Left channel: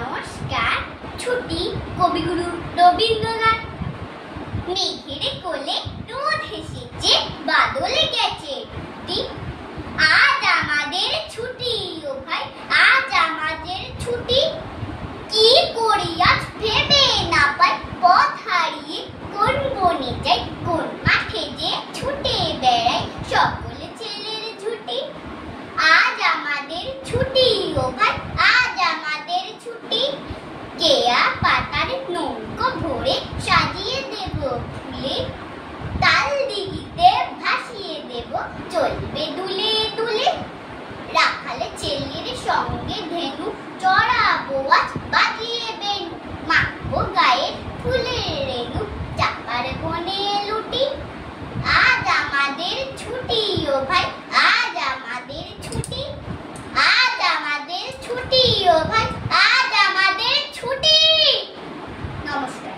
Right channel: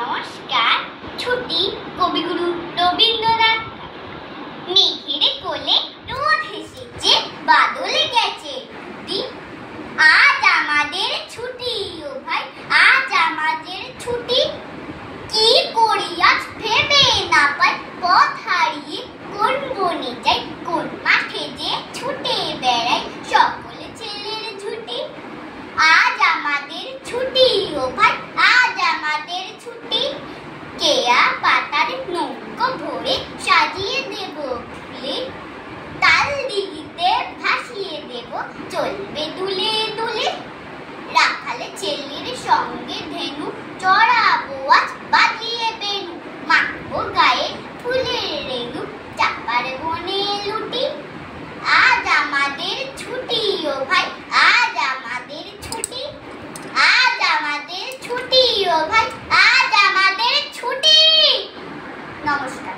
নমস্কার। ছুটি কবিগুরু রবীন্দ্রনাথ। মেঘের কোলে রোদ হেসেছে, বাদলে গেছে। আজ আমাদের ছুটি ও ভাই, আজ আমাদের ছুটি। কি করি আজ ভেবে না পাই, পথ হারিয়ে কোন বনে যাই, কোন মাঠে যে ছুটে বেড়াই, সকলে ছেলের ছুটি। আজ আমাদের ছুটি ও ভাই, আজ আমাদের ছুটি। কেয়া পাতার নৌকো ভরে সাজিয়ে দেব ফুলে, তাল দিঘিতে ভাসিয়ে দেব চলবে দুলে দুলে। রাখালে ছেলের সঙ্গে ধেনু চড়াবো আজ বাজিয়ে বেনু, মাখবো গায়ে ফুলের রেণু, চাপার বনে লুটি। আজ আমাদের ছুটি ও ভাই, আজ আমাদের ছুটি। আজ আমাদের ছুটি ও ভাই, আজ আমাদের ছুটি। নমস্কার।